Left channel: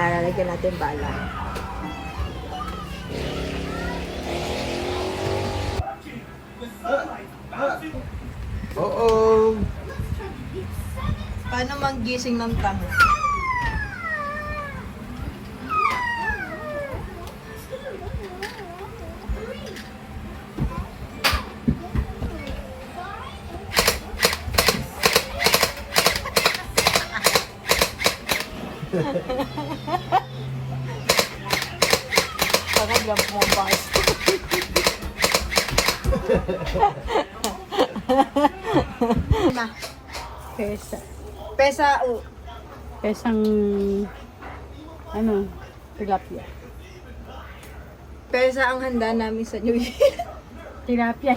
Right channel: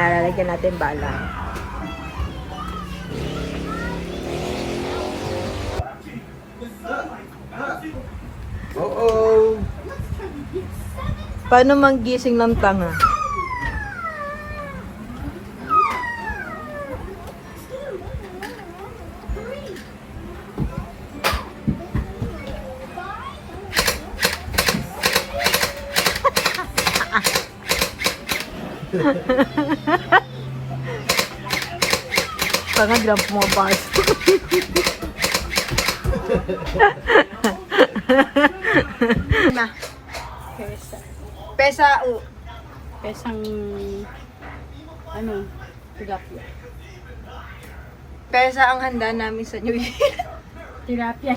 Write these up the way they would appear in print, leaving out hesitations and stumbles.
Lalagyan natin bala. Oo. Paano manggising ng tanga? Tanga, drop mo bars. Ma. Pesa. Pesa Pesang, ano, tilapia. Pesa ang handa namin sa New Year. Tilapia.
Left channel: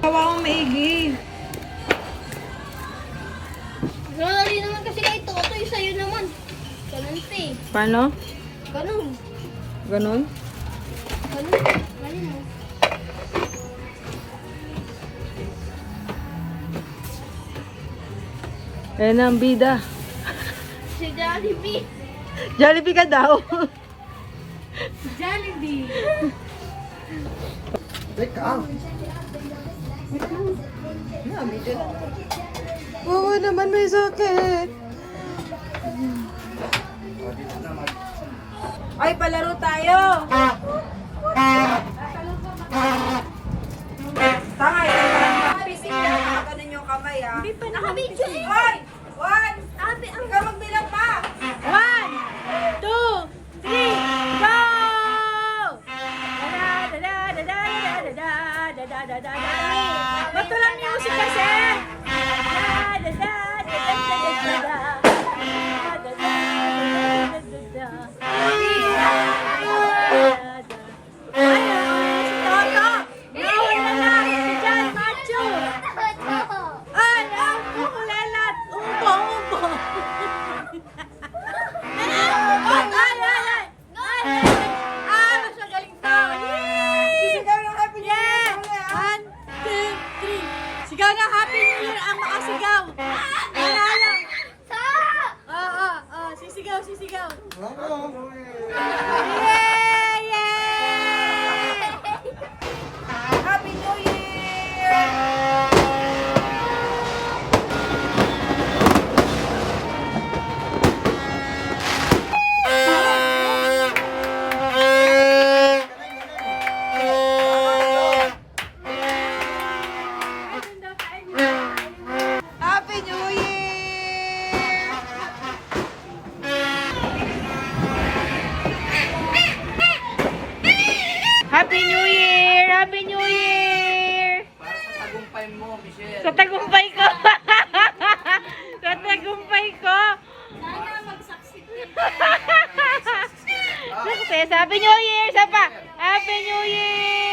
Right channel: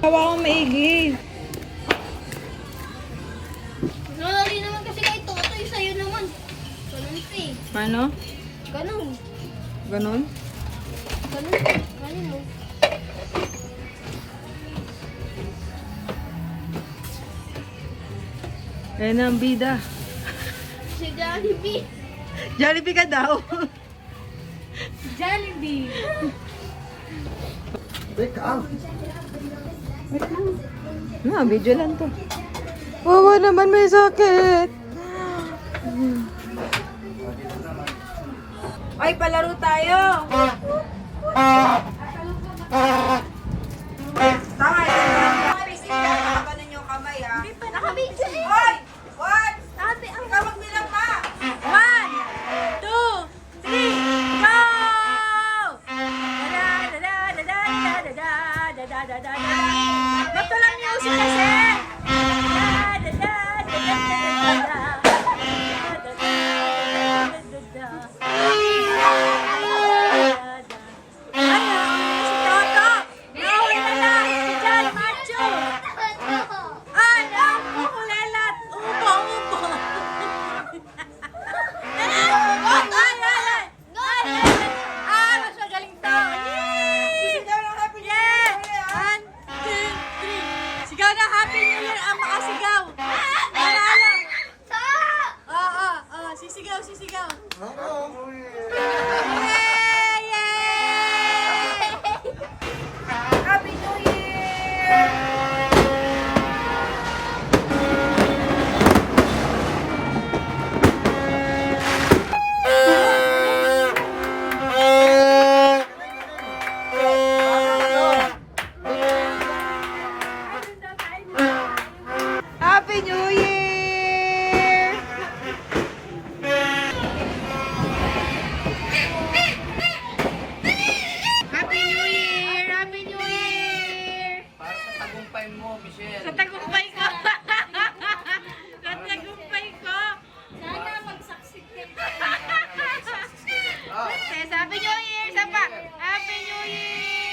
Gawa kang maigi. Sorry naman kasi kayo ito. Ito yung sa'yo naman. Ganun pa eh. Paano? Ganun. Ganon? Ganun. Ganun mo. Ayan na ang bida. Si Jollibee. Jollibee ka daw. Jollibee. Teka. Video lang to. Wawa naman, may sakit. Ay, palaro tayo. Tama, ganun yung kamay, ha? Hindi pa nakabidyo eh. Hoy! One! Sabi ang Ikaw magbilang pa! 1, 2, 3, go! Ba't walang music kasi? Ay, si Toto! Nauwi na lang! Si John Macho! Ay, ang kukulelat! Ubo, ubo! Mas magaling to! Yay! Sigaw ng Happy New Year! Yeah! 1, 2, 3. Sigaw na Happy New Year ang makasigaw! Manalo! Oo, sisigaw, sisigaw! Yay! Yay! Happy New Year! Happy New Year! Happy New Year! Happy New Year! Para sa tagumpay mo, Michelle. Sa tagumpay ko! Sa tagumpay ko! sana mag-succeed ka. Happy New Year! Sa pa! Happy New Year!